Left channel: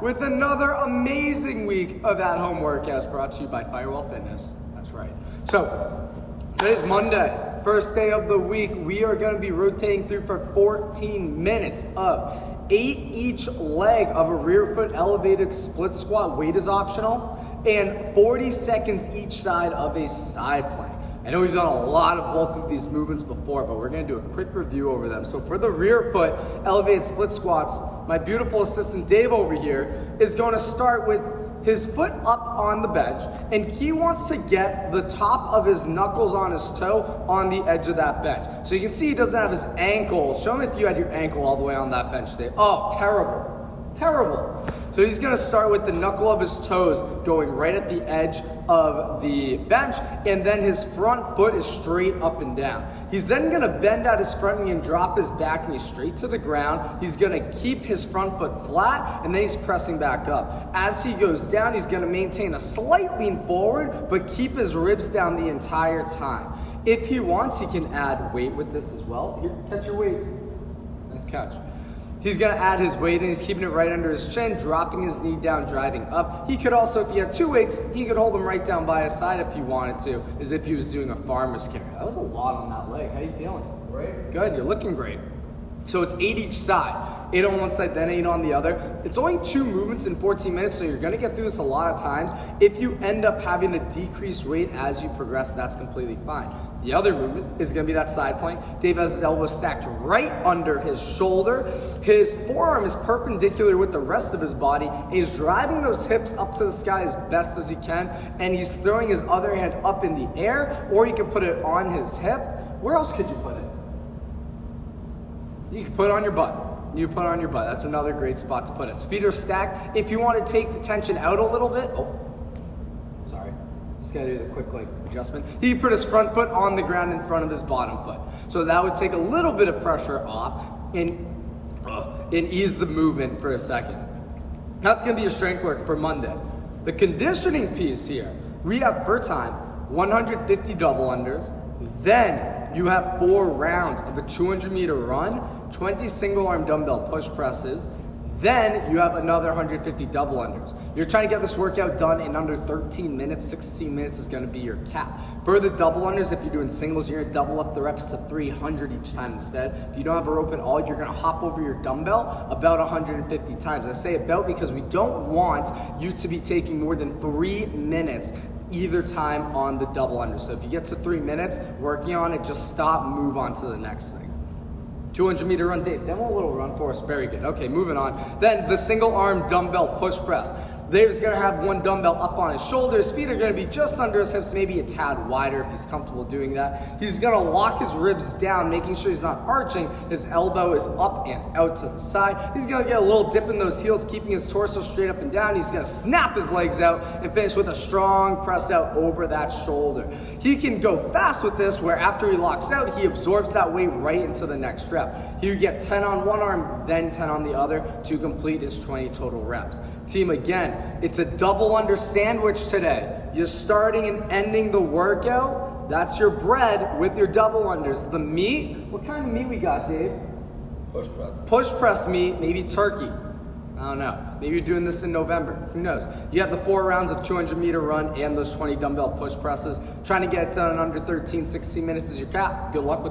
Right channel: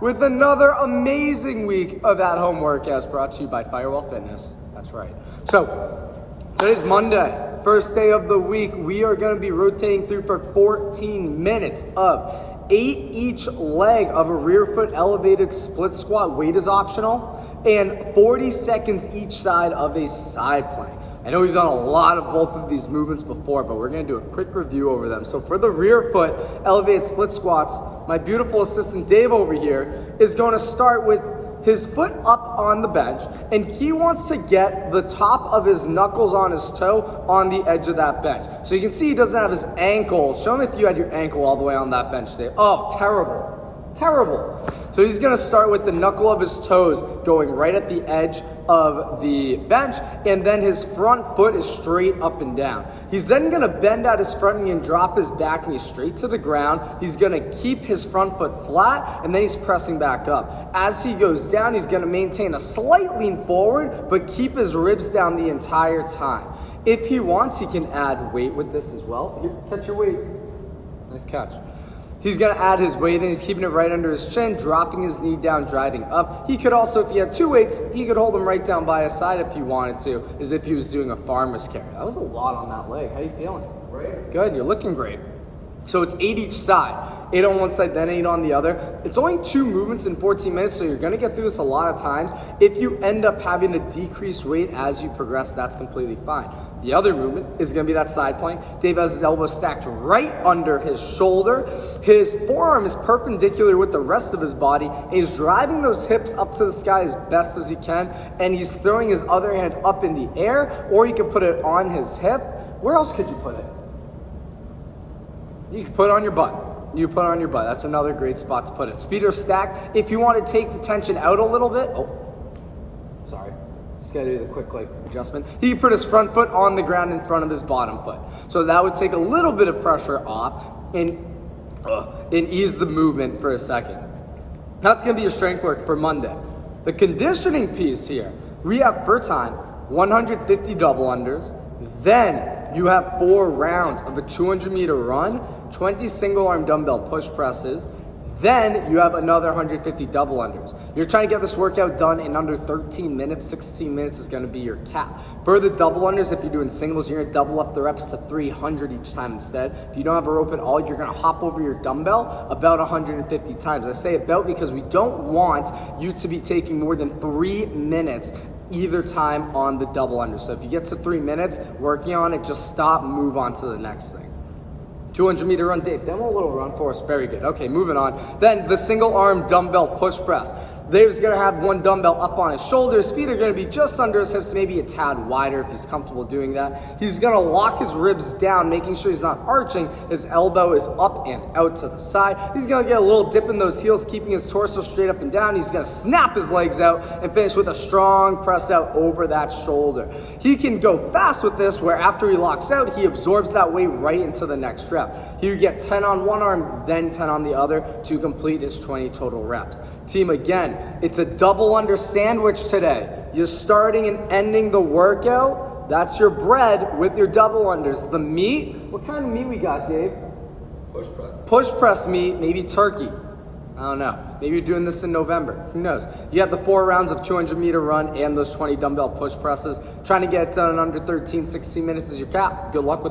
with another amazing week of at-home workouts brought to you by Firewall Fitness. That's right. So, today's Monday, first day of the week. We are going to be rotating through for 14 minutes of 8 each leg of a rear foot elevated split squat. Weight is optional, and 40 seconds each side of a side plank. I know we've done a lot of both of these movements before, but we're gonna do a quick review over them. So for the rear foot elevated split squats, my beautiful assistant Dave over here is gonna start with his foot up on the bench, and he wants to get the top of his knuckles on his toe on the edge of that bench. So you can see he doesn't have his ankle. Show me if you had your ankle all the way on that bench, Dave. Oh, terrible. Terrible. So he's gonna start with the knuckle of his toes going right at the edge of the bench, and then his front foot is straight up and down. He's then gonna bend out his front knee and drop his back knee straight to the ground. He's gonna keep his front foot flat, and then he's pressing back up. As he goes down, he's gonna maintain a slight lean forward, but keep his ribs down the entire time. If he wants, he can add weight with this as well. Here, catch your weight. Nice catch. He's gonna add his weight in, he's keeping it right under his chin, dropping his knee down, driving up. He could also, if he had two weights, he could hold them right down by his side if he wanted to, as if he was doing a farmer's carry. That was a lot on that leg. How you feeling? Great. Good, you're looking great. So it's 8 each side. 8 on one side, then 8 on the other. It's only 2 movements in 14 minutes, so you're gonna get through this a lot of times. If you end up having to decrease weight as you progress, that's completely fine. The other movement is gonna be that side plank. Dave has his elbow stacked right under his shoulder. His forearm is perpendicular with the rest of his body. He's driving those hips up to the sky as best as he can, and he's throwing his other hand up in the air, or you can put it on his hip. Where else could you put it? You can put it on your butt. You put it on your butt. That's another great spot to put it. His feet are stacked. If you want to take the tension out a little bit, sorry. Just gotta do the quick adjustment. He can put his front foot on the ground in front of his bottom foot. So that would take a little bit of pressure off and ease the movement for a second. That's gonna be your strength work for Monday. The conditioning piece here, we have for time 150 double unders, then you have 4 rounds of a 200-meter run, 20 single arm dumbbell push presses, then you have another 150 double unders. You're trying to get this workout done in under 13 minutes, 16 minutes is gonna be your cap. For the double unders, if you're doing singles, you're gonna double up the reps to 300 each time instead. If you don't have a rope at all, you're gonna hop over your dumbbell about 150 times. I say about because we don't want you to be taking more than 3 minutes either time on the double under. So if you get to 3 minutes working on it, just stop, move on to the next thing. 200-meter run, Dave, demo a little run for us, very good. Okay, moving on. Then the single arm dumbbell push press. Dave's gonna have one dumbbell up on his shoulder. His feet are gonna be just under his hips, maybe a tad wider if he's comfortable doing that. He's gonna lock his ribs down, making sure he's not arching. His elbow is up and out to the side. He's gonna get a little dip in those heels, keeping his torso straight up and down. He's gonna snap his legs out and finish with a strong press out over that shoulder. He can go fast with this, where after he locks out, he absorbs that weight right into the next rep. He would get 10 on one arm, then 10 on the other to complete his 20 total reps. Team, again, it's a double under sandwich today. You're starting and ending the workout. That's your bread with your double unders. The meat, what kind of meat we got, Dave? Push press. Push press meat, maybe turkey. I don't know. Maybe you're doing this in November. Who knows? You have the 4 rounds of 200-meter run and those 20 dumbbell push presses. Trying to get it done in under 13, 16 minutes is your cap. Good luck with